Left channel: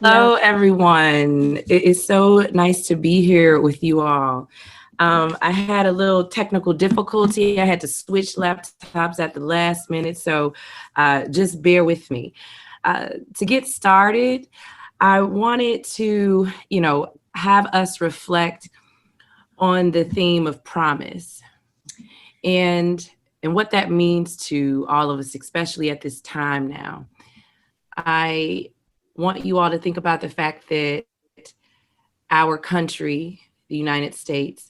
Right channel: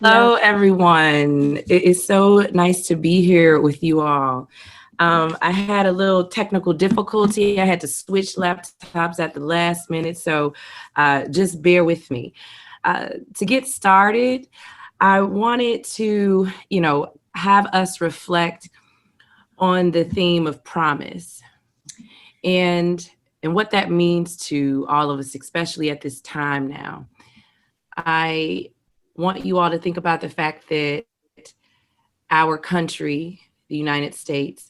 Hello, everyone. It is so nice to be here with you all. I had a little technical difficulty. I had to switch laptops at the last minute, so just bear with me. To get started, I wanted to, have us reflect on the theme of promise and what that means to all of us, especially at this time now. I want you all to think about the fact that our country, the United States,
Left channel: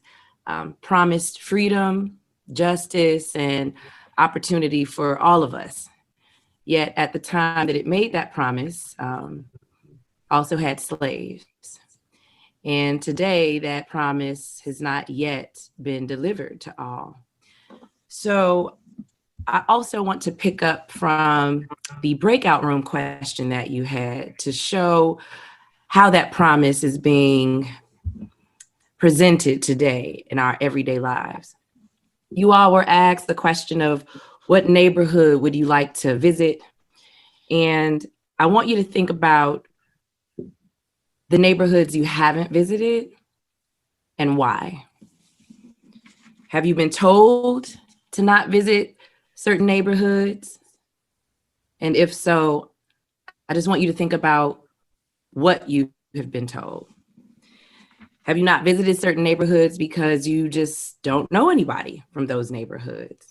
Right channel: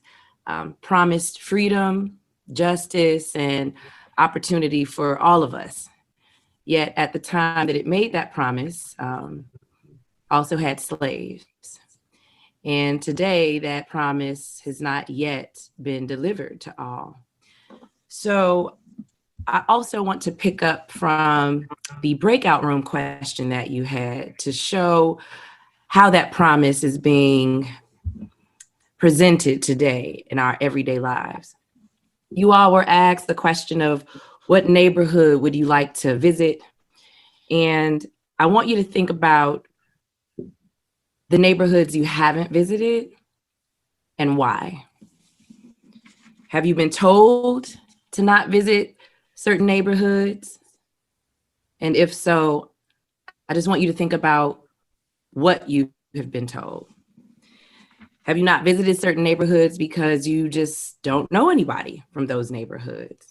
promised freedom, justice, and opportunity for all of us. Yet at the time that it made that promise, also had slaves. And today that promise has not yet been delivered to all. So I also want to pick up from the breakout room question that you had to show how that promise is being presented today in our everyday lives. You all were asked the question of what neighborhood would you like to visit? And I want you to think about the neighborhoods you haven't visited and why. Have you been told to not visit certain neighborhoods? And if so, I just want you to think about what you have been told. Have you not visited certain neighborhoods because you just don't know anybody from those neighborhoods?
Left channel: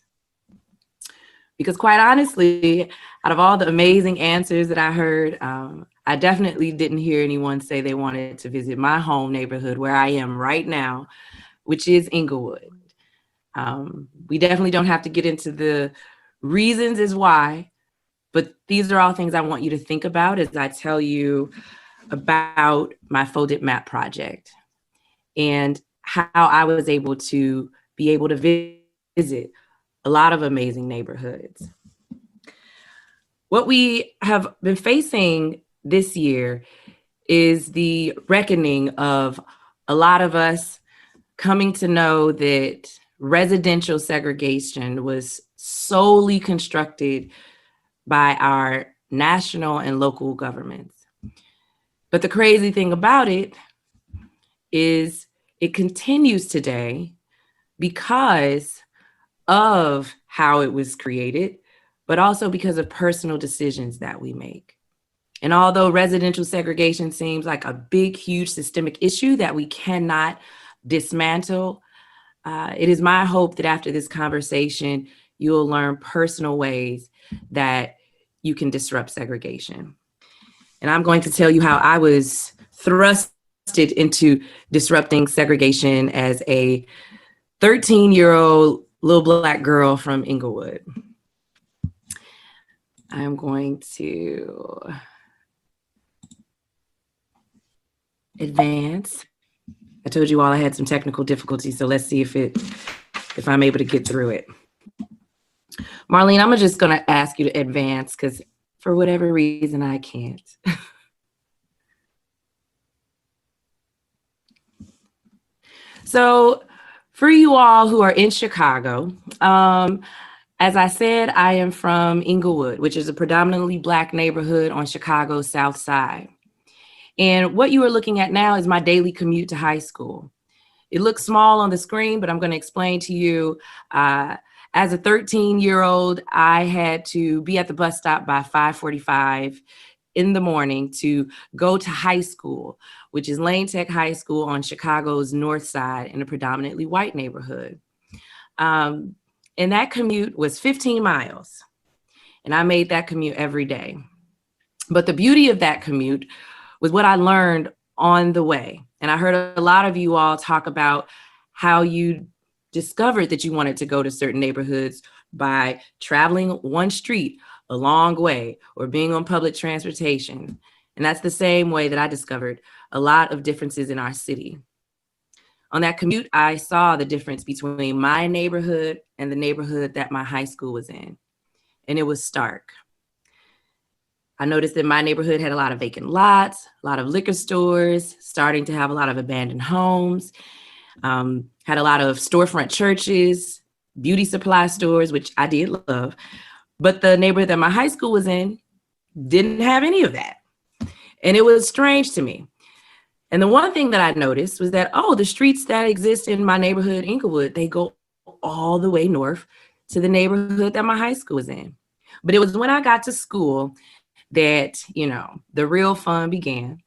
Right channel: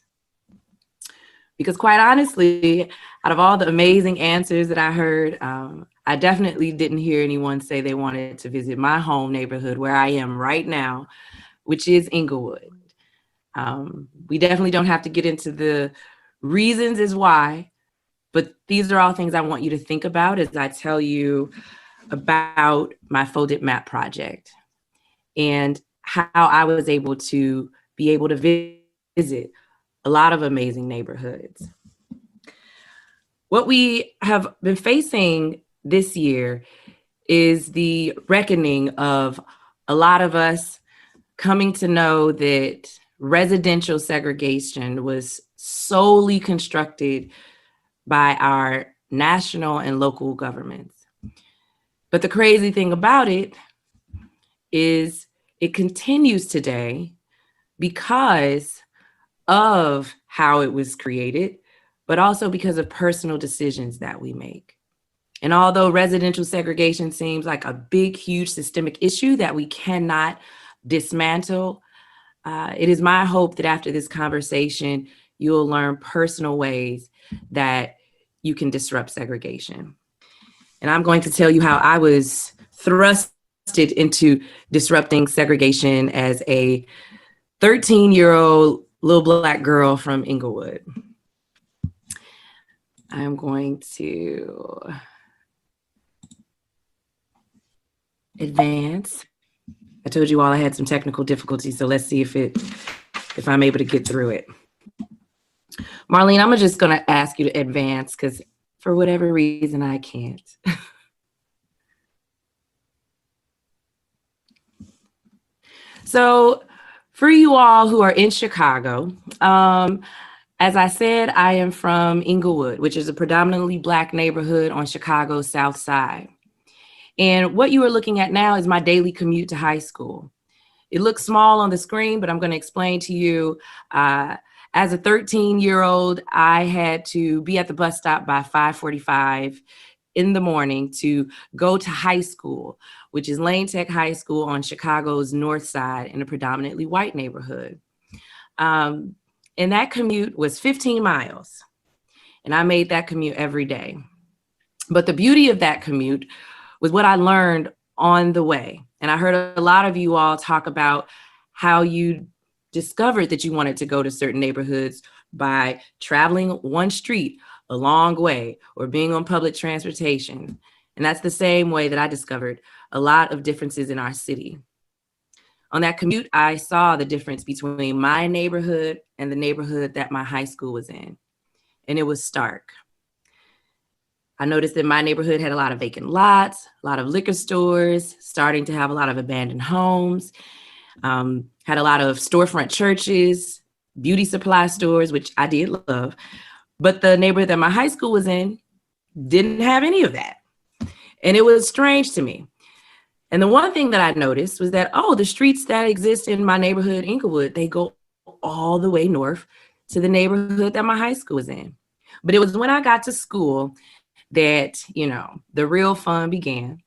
Because quite honestly, out of all the amazing answers that I heard, I definitely didn't hear anyone say they wanted to visit my home neighborhood where I am right now, which is Inglewood. We definitely don't have to get into the reasons as why, but these are all things I want you to think about as I tell you about my Floating Map project and how I was able to be able to visit a lot of amazing neighborhoods. What we have been facing this year is the reckoning of a lot of us coming to know that residential segregation was solely constructed by our national and local governments. But the crazy thing about it is it continues today because of how it was created, but also because of personal decisions that we make. And although residential segregation seems like a big, huge systemic issue that we cannot dismantle, it is my hope that after this conversation, you'll learn personal ways that you can disrupt segregation. And I'm going to tell you how I was thrusted into disrupting segregation as a 13-year-old little Black girl from Inglewood. I'm going to advance. I told you all I had some technical difficulties, so let's see if I'm able to get through it. Marlene, I'm just going to ask you to advance because for whatever reason I can't. So for you all who are in Chicago, as I said, I am from Inglewood, which is a predominantly Black neighborhood on Chicago's South Side. And what you are looking at now is my daily commute to high school. It looks small on the screen, but I'm going to explain to you. As a 13-year-old, I had to be at the bus stop by 5:45 in the morning to go to high school, which is Lane Tech High School on Chicago's North Side in a predominantly white neighborhood. And that commute was 15 miles. And I made that commute every day. But the beauty of that commute was what I learned on the way. And I heard a lot of you all talk about how you discovered that you wanted to go to certain neighborhoods by traveling one street a long way or being on public transportation. And that's the same way that I discovered a lot of differences in our city. On that commute, I saw the difference between my neighborhood and the neighborhood that my high school was in. And it was stark. I noticed that my neighborhood had a lot of vacant lots, a lot of liquor stores, starting to have a lot of abandoned homes, had a lot of storefront churches, beauty supply stores, which I did love. But the neighborhood that my high school was in didn't have any of that. And it was strange to me. And the one thing that I noticed was that, the streets that exist in my neighborhood, Inglewood, they go all the way north to the neighborhood that my high school was in. But it was when I got to school that, the real fun began.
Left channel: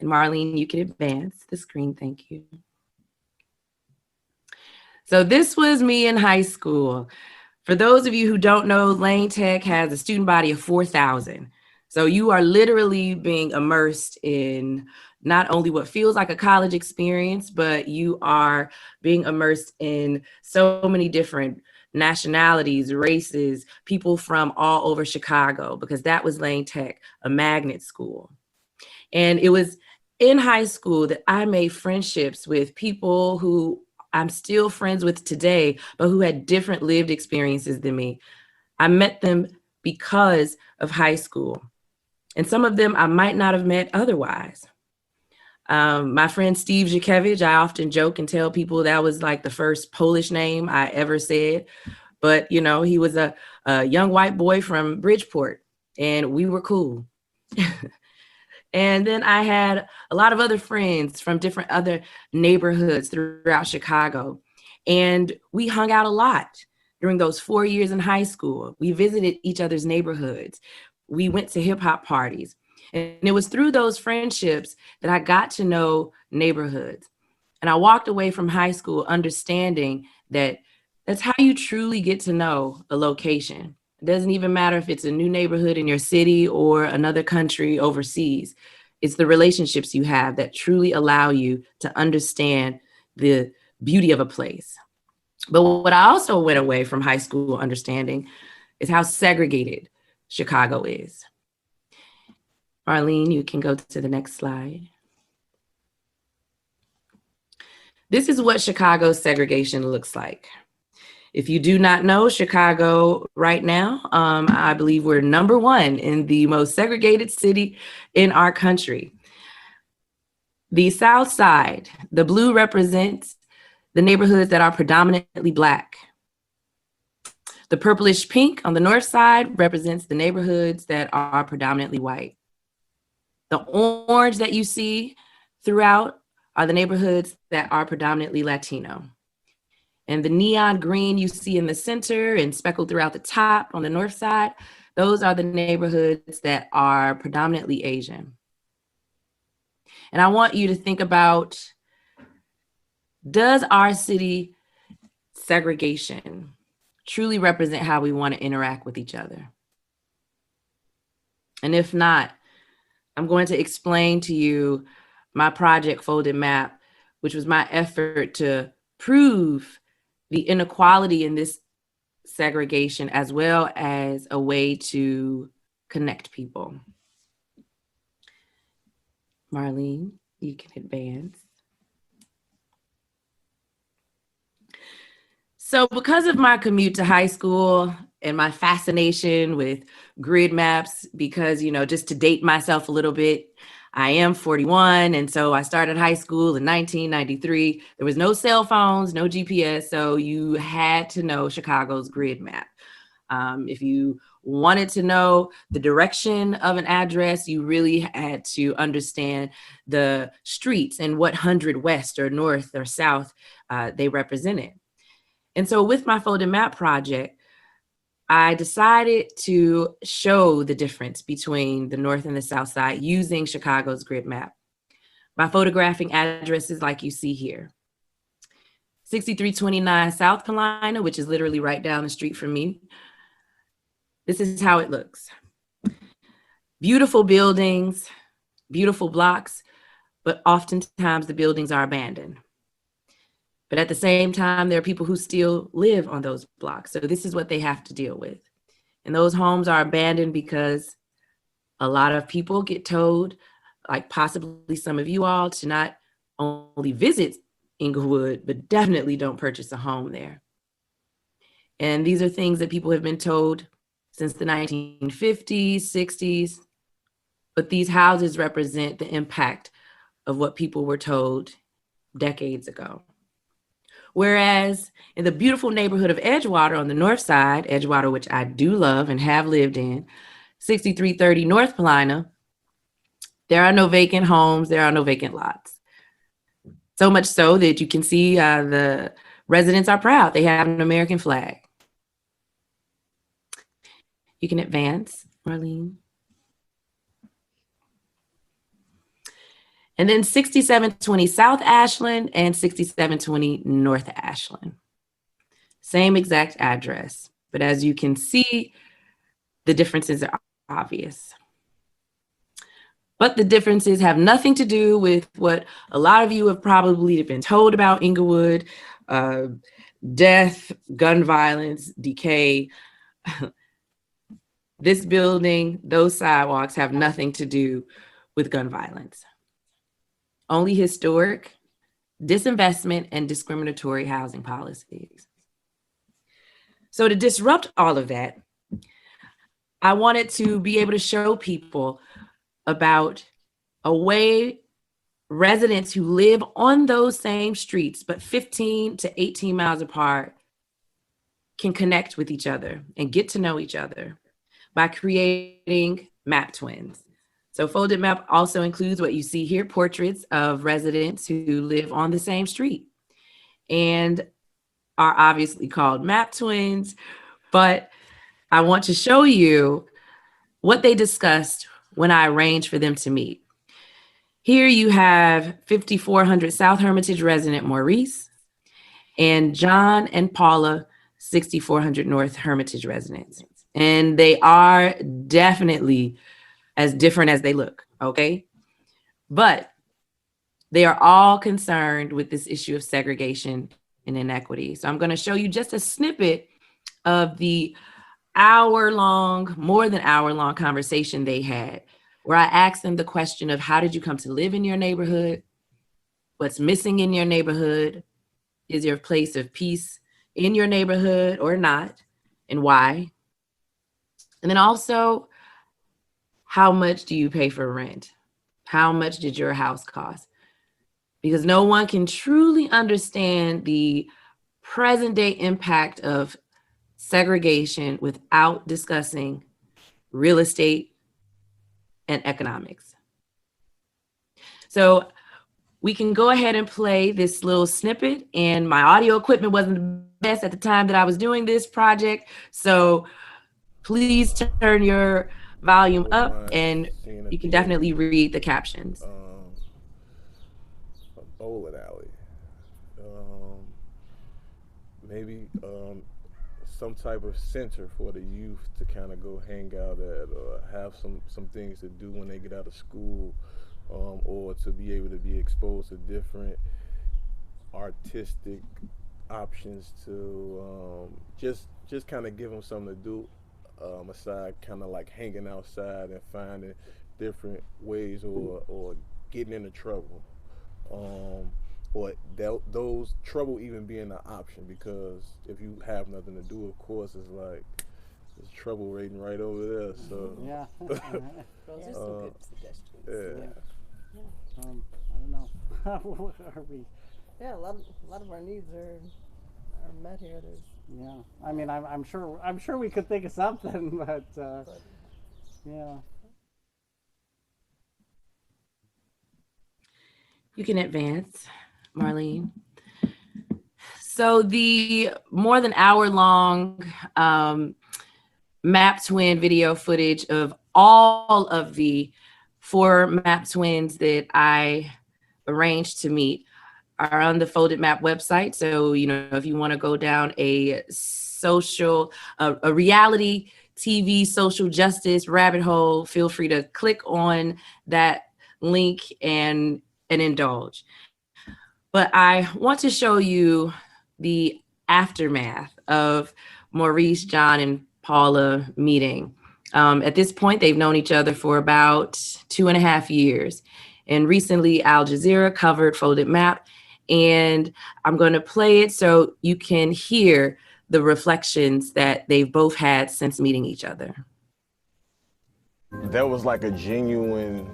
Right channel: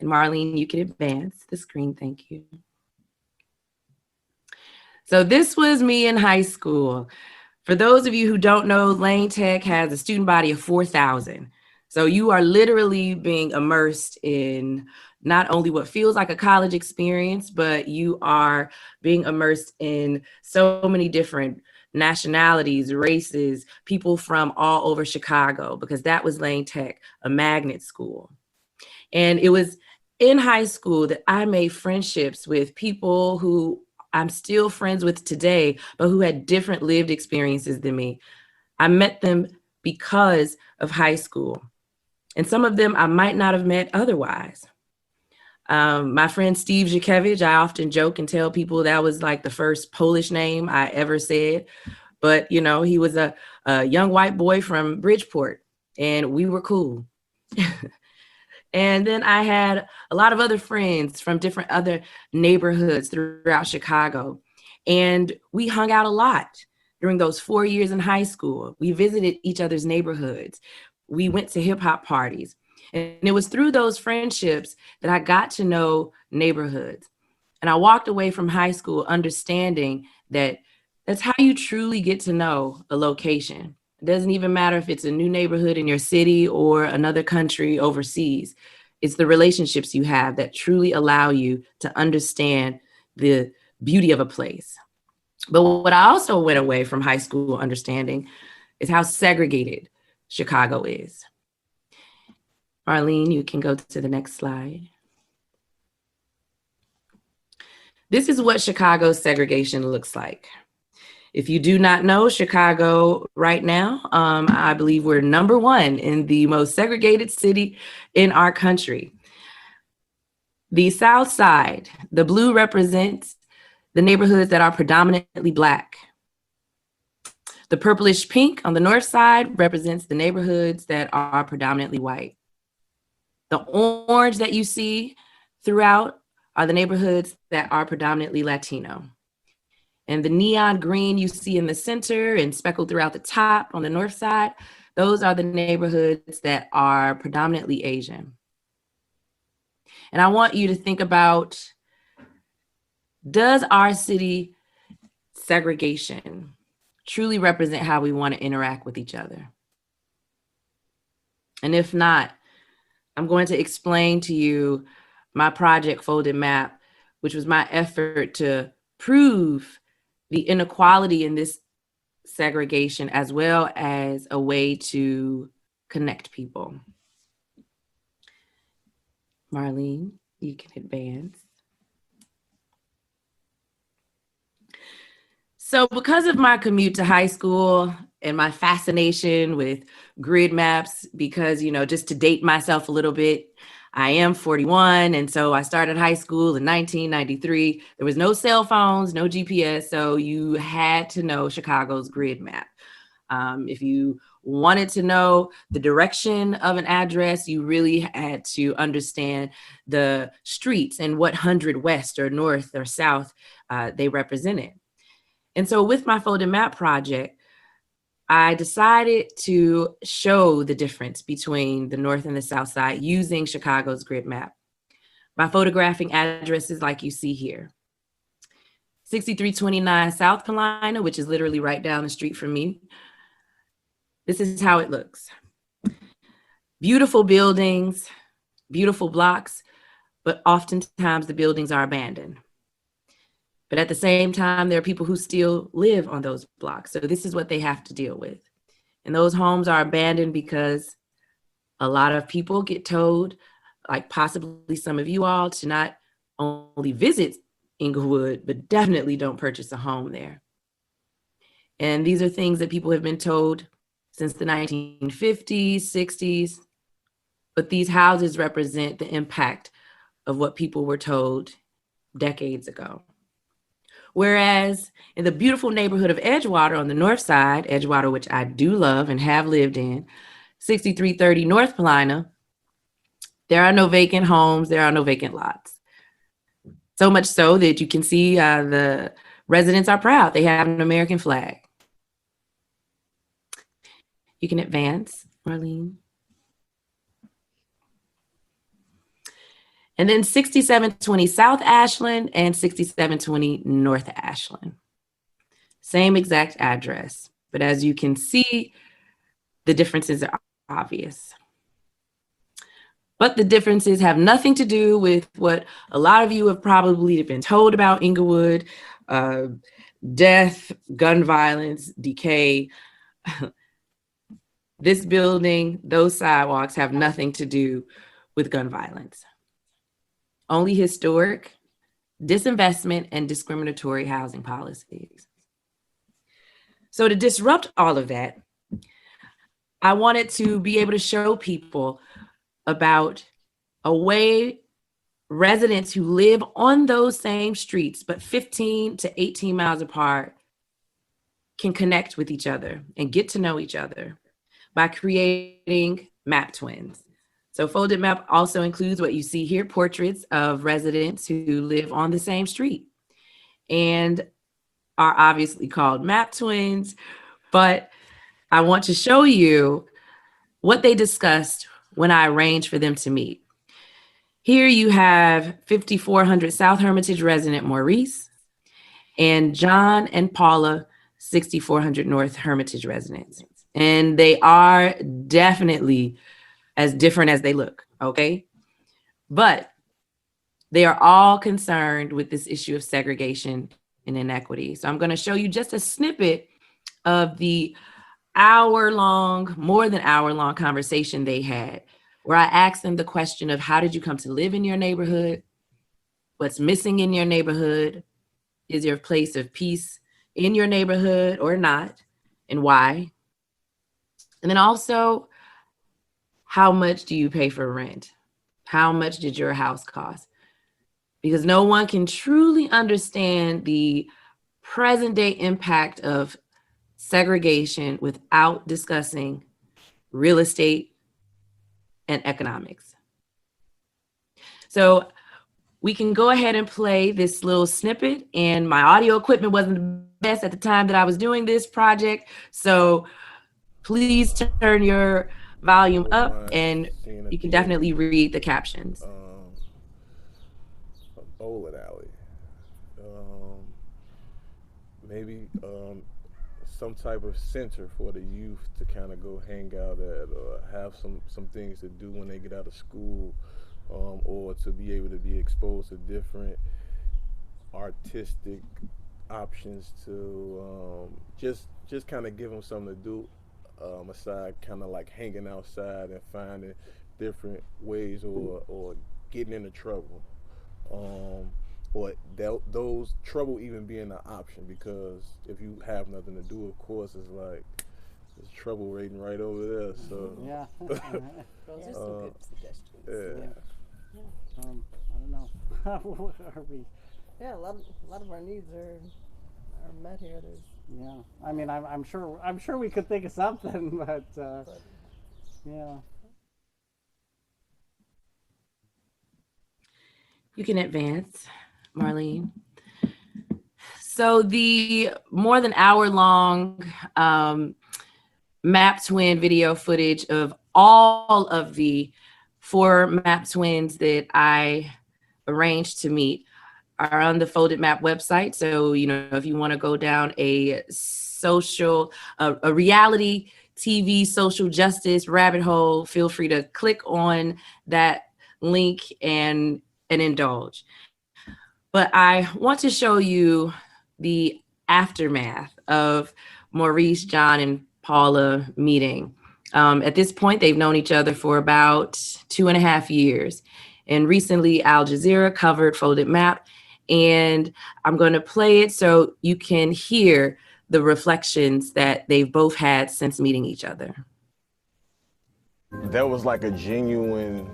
And Marlene, you can advance the screen. Thank you. So this was me in high school. For those of you who don't know, Lane Tech has a student body of 4,000. So you are literally being immersed in not only what feels like a college experience, but you are being immersed in so many different nationalities, races, people from all over Chicago, because that was Lane Tech, a magnet school. And it was in high school that I made friendships with people who I'm still friends with today, but who had different lived experiences than me. I met them because of high school. And some of them I might not have met otherwise. My friend Steve Zikiewicz, I often joke and tell people that was like the first Polish name I ever said. But, he was a young white boy from Bridgeport, and we were cool. And then I had a lot of other friends from different other neighborhoods throughout Chicago. And we hung out a lot during those 4 years in high school. We visited each other's neighborhoods. We went to hip hop parties. And it was through those friendships that I got to know neighborhoods. And I walked away from high school understanding that that's how you truly get to know a location. It doesn't even matter if it's a new neighborhood in your city or another country overseas. It's the relationships you have that truly allow you to understand the beauty of a place. But what I also went away from high school understanding is how segregated Chicago is. Marlene, you can go to the next slide. This is what Chicago's segregation looks like. If you do not know Chicago right now, I believe we're number one in the most segregated city in our country. The South Side, the blue represents the neighborhoods that are predominantly Black. The purplish pink on the north side represents the neighborhoods that are predominantly white. The orange that you see throughout are the neighborhoods that are predominantly Latino. And the neon green you see in the center and speckled throughout the top on the north side, those are the neighborhoods that are predominantly Asian. And I want you to think about, does our city segregation truly represent how we want to interact with each other? And if not, I'm going to explain to you my project Folded Map, which was my effort to prove the inequality in this segregation as well as a way to connect people. Marlene, you can advance. So because of my commute to high school and my fascination with grid maps, because, just to date myself a little bit, I am 41. And so I started high school in 1993. There was no cell phones, no GPS. So you had to know Chicago's grid map. If you wanted to know the direction of an address, you really had to understand the streets and what 100 west or north or south they represented. And so with my Folded Map project, I decided to show the difference between the North and the South Side using Chicago's grid map by photographing addresses like you see here. 6329 South Carolina, which is literally right down the street from me. This is how it looks. Beautiful buildings, beautiful blocks, but oftentimes the buildings are abandoned. But at the same time, there are people who still live on those blocks. So this is what they have to deal with. And those homes are abandoned because A lot of people get told, like possibly some of you all, to not only visit Inglewood, but definitely don't purchase a home there. And these are things that people have been told since the 1950s, 60s. But these houses represent the impact of what people were told decades ago. Whereas in the beautiful neighborhood of Edgewater on the north side, Edgewater, which I do love and have lived in, 6330 North Carolina, there are no vacant homes, there are no vacant lots. So much so that you can see the residents are proud. They have an American flag. You can advance, Marlene. And then 6720 South Ashland and 6720 North Ashland. Same exact address. But as you can see, the differences are obvious. But the differences have nothing to do with what a lot of you have probably been told about Inglewood. Death, gun violence, decay. This building, those sidewalks have nothing to do with gun violence. Only historic, disinvestment, and discriminatory housing policies. So to disrupt all of that, I wanted to be able to show people about a way residents who live on those same streets, but 15 to 18 miles apart, can connect with each other and get to know each other by creating map twins. So folded map also includes what you see here, portraits of residents who live on the same street and are obviously called map twins. But I want to show you what they discussed when I arranged for them to meet. Here you have 5400 South Hermitage resident Maurice and John and Paula, 6400 North Hermitage residents. And they are definitely as different as they look, okay? But they are all concerned with this issue of segregation and inequity. So I'm going to show you just a snippet of the hour-long, more than hour-long conversation they had, where I asked them the question of how did you come to live in your neighborhood? What's missing in your neighborhood? Is your place of peace in your neighborhood or not? And why? And then also, how much do you pay for rent? How much did your house cost? Because no one can truly understand the present day impact of segregation without discussing real estate and economics. So we can go ahead and play this little snippet, and my audio equipment wasn't the best at the time that I was doing this project. So please turn your volume up and you can definitely read the captions. A bowling alley. Maybe some type of center for the youth to kind of go hang out at or have some things to do when they get out of school, or to be able to be exposed to different artistic options to just kind of give them something to do, aside kind of like hanging outside and finding different ways or getting into trouble, or those trouble even being an option, because if you have nothing to do, of course it's like there's trouble waiting right over there. So yeah, Those are some good suggestions. yeah. I don't know. Are we? Yeah, a lot of our needs are met here. There's Yeah, I mean, I'm sure we could think of something, but yeah. You can advance, Marlene. So the more than hour-long map twin video footage of all of the 4 map twins that I arranged to meet are on the Folded Map website. So, if you want to go down a reality TV social justice rabbit hole, feel free to click on that link and indulge. But I want to show you the aftermath of Maurice, John, and Paula meeting. At this point, they've known each other for about 2.5 years. And recently, Al Jazeera covered Folded Map, and I'm going to play it so you can hear the reflections that they've both had since meeting each other. That was like a genuine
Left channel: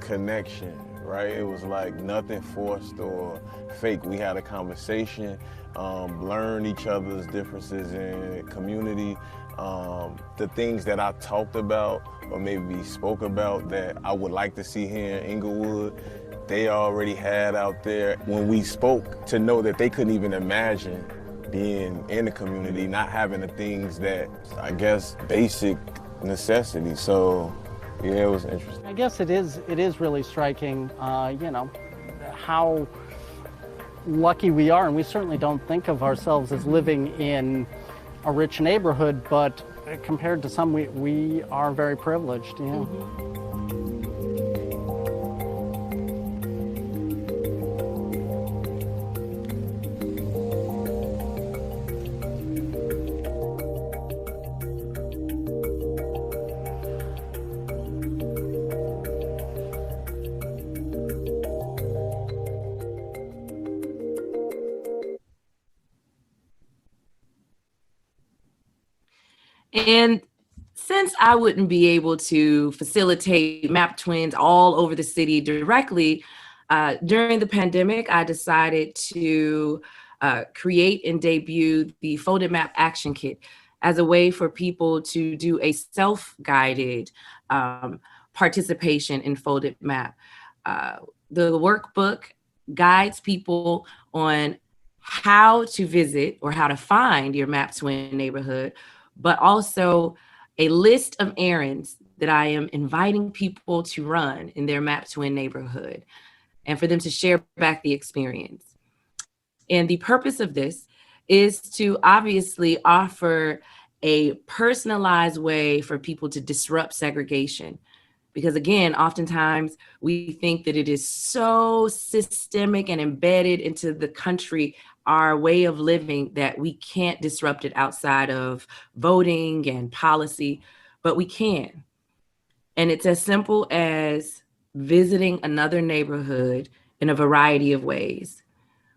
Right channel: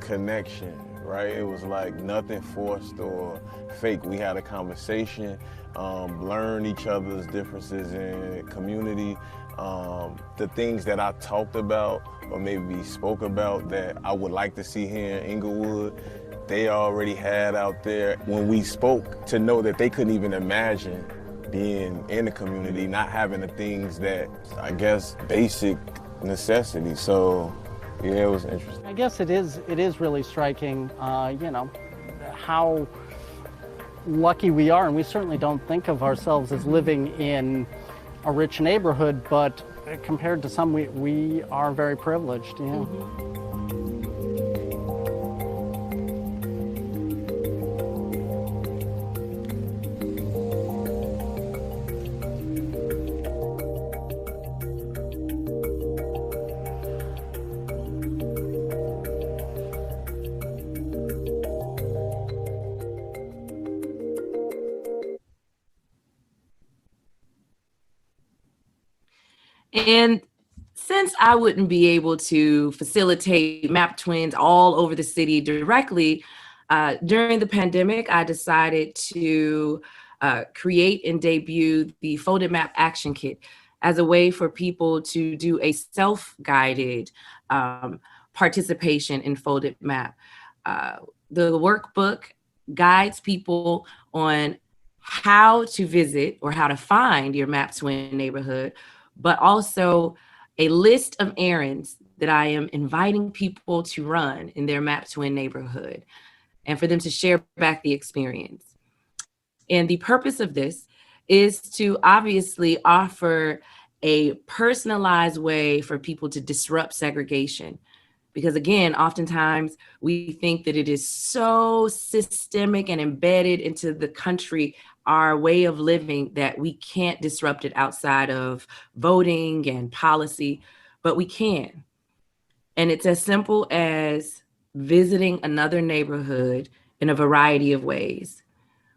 connection, right? It was like nothing forced or fake. We had a conversation, learned each other's differences in community, the things that I talked about or maybe spoke about that I would like to see here in Inglewood. They already had out there when we spoke, to know that they couldn't even imagine being in the community, not having the things that I guess basic necessities. So yeah, it was interesting. I guess it is really striking, how lucky we are, and we certainly don't think of ourselves as living in a rich neighborhood, but compared to some, we are very privileged. Yeah. And since I wouldn't be able to facilitate map twins all over the city directly, during the pandemic, I decided to create and debut the Folded Map Action Kit as a way for people to do a self-guided participation in Folded Map. The workbook guides people on how to visit or how to find your map twin neighborhood, but also a list of errands that I am inviting people to run in their map twin neighborhood and for them to share back the experience. And the purpose of this is to obviously offer a personalized way for people to disrupt segregation. Because again, oftentimes we think that it is so systemic and embedded into the country, our way of living, that we can't disrupt it outside of voting and policy, but we can. And it's as simple as visiting another neighborhood in a variety of ways,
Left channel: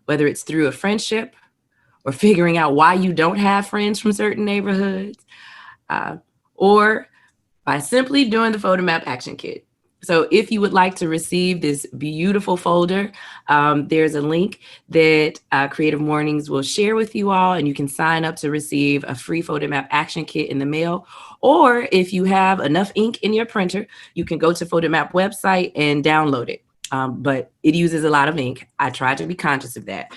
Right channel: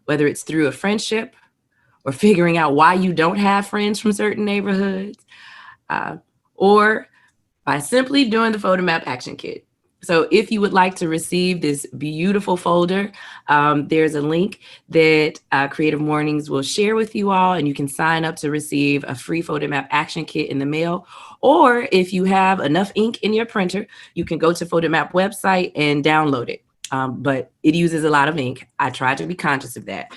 whether it's through a friendship or figuring out why you don't have friends from certain neighborhoods, or by simply doing the Photo Map Action Kit. So if you would like to receive this beautiful folder, there's a link that Creative Mornings will share with you all, and you can sign up to receive a free Photo Map Action Kit in the mail. Or if you have enough ink in your printer, you can go to Photo Map website and download it. But it uses a lot of ink. I try to be conscious of that.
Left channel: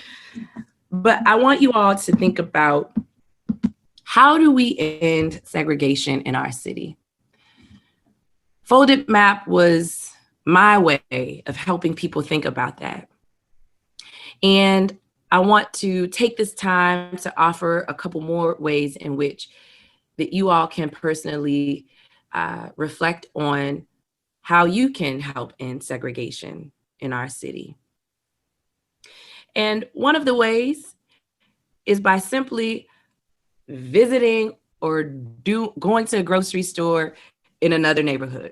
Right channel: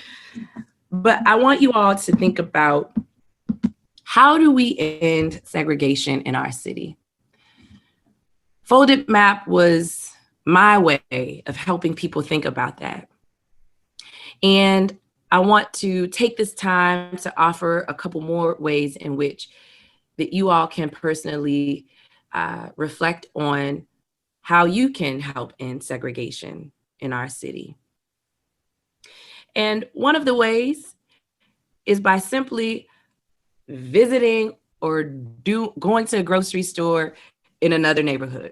But I want you all to think about, how do we end segregation in our city? Folded Map was my way of helping people think about that. And I want to take this time to offer a couple more ways in which that you all can personally reflect on how you can help end segregation in our city. And one of the ways is by simply visiting or going to a grocery store in another neighborhood.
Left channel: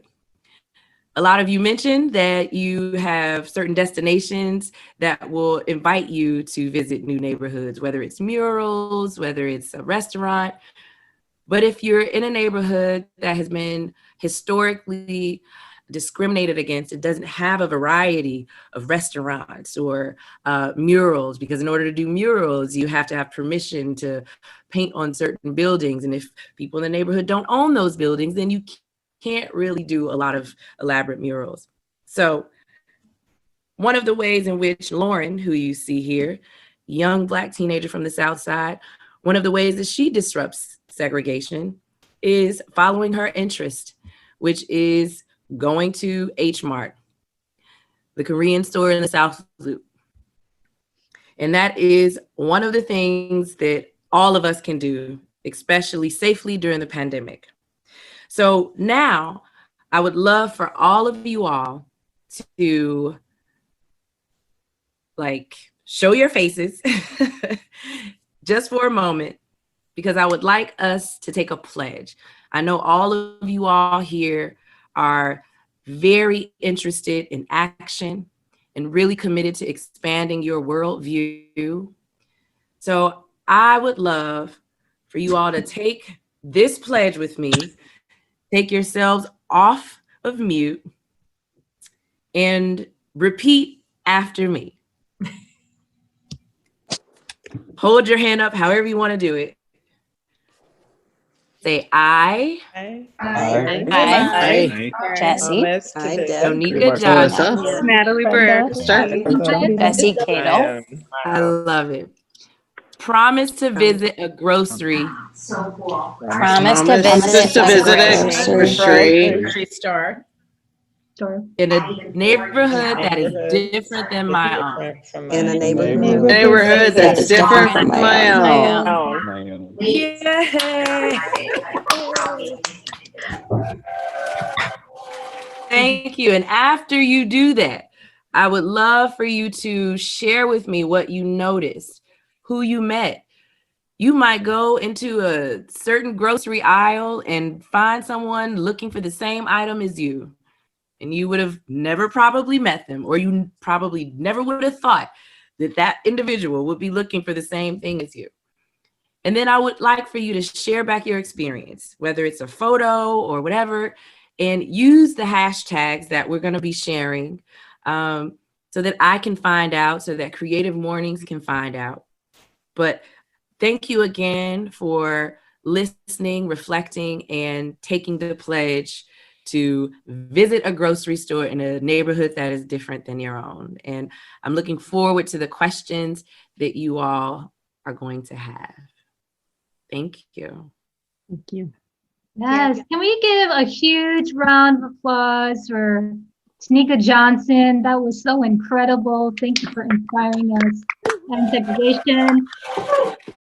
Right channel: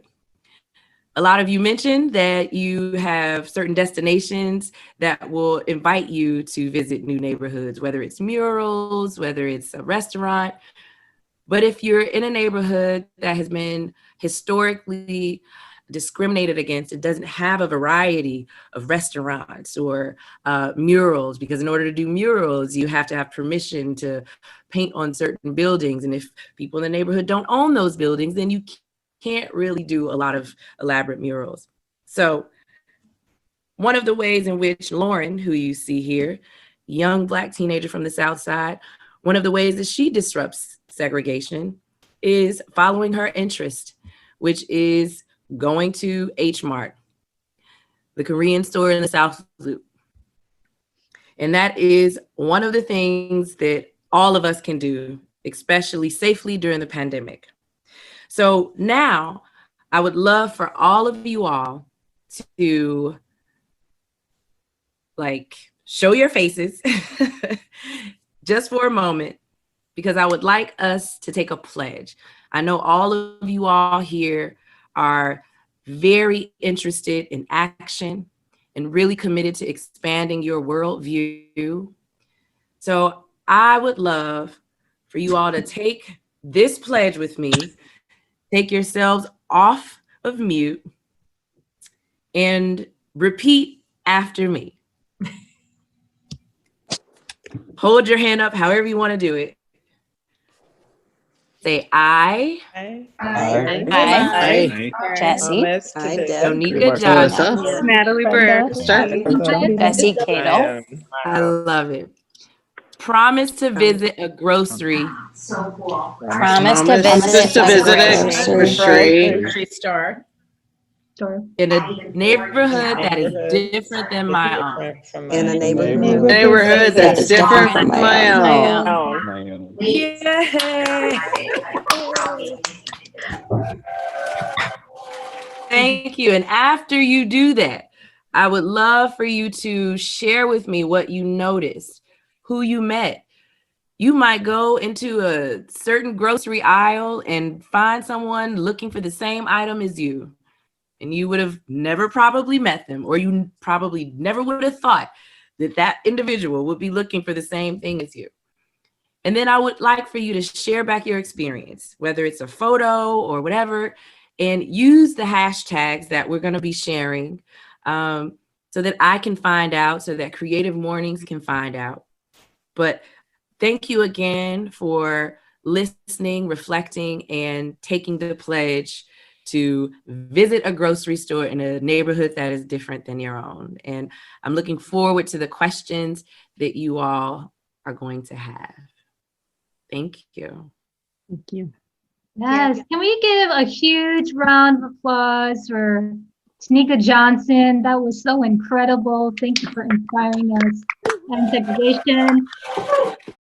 A lot of you mentioned that you have some destinations that will invite you to visit new neighborhoods, whether it's murals, whether it's a restaurant. But if you're in a neighborhood that has been historically discriminated against, it doesn't have a variety of restaurants or murals, because in order to do murals, you have to have permission to paint on certain buildings. And if people in the neighborhood don't own those buildings, then you can't really do a lot of elaborate murals. So one of the ways in which Lauren, who you see here, young Black teenager from the South Side, one of the ways that she disrupts segregation is following her interest, which is going to H Mart, the Korean store in the South Loop. And that is one of the things that all of us can do, especially safely during the pandemic. So now I would love for all of you all to show your faces just for a moment because I would like us to take a pledge. I know all of you all here are very interested in action and really committed to expanding your worldview. So I would love for you all to take this pledge with me, take yourselves off of mute, and repeat after me. Hold your hand up however you want to do it. Say I, Jesse, Tonika Johnson, Natalie Burke, Bessie Cato. I love it. Promise to visit a grocery. Promise to Just visit to a visit a grocery store In a neighborhood that is different than my own. In a neighborhood that's different from my own. Yay! Thank you. And after you do that, I would love for you to share with me what you noticed, who you met. You might go into a certain grocery aisle and find someone looking for the same item as you. And you would have never probably met them, or you probably never would have thought that that individual would be looking for the same thing as you. And then I would like for you to share back your experience, whether it's a photo or whatever, and use the hashtags that we're going to be sharing so that I can find out, so that Creative Mornings can find out. But thank you again for listening, reflecting, and taking the pledge to visit a grocery store in a neighborhood that is different than your own. And I'm looking forward to the questions that you all are going to have. Thank you. Thank you. Yes, can we give a huge round of applause for Tonika Johnson? That was so incredible. Thank you for inspiring us. And segregation.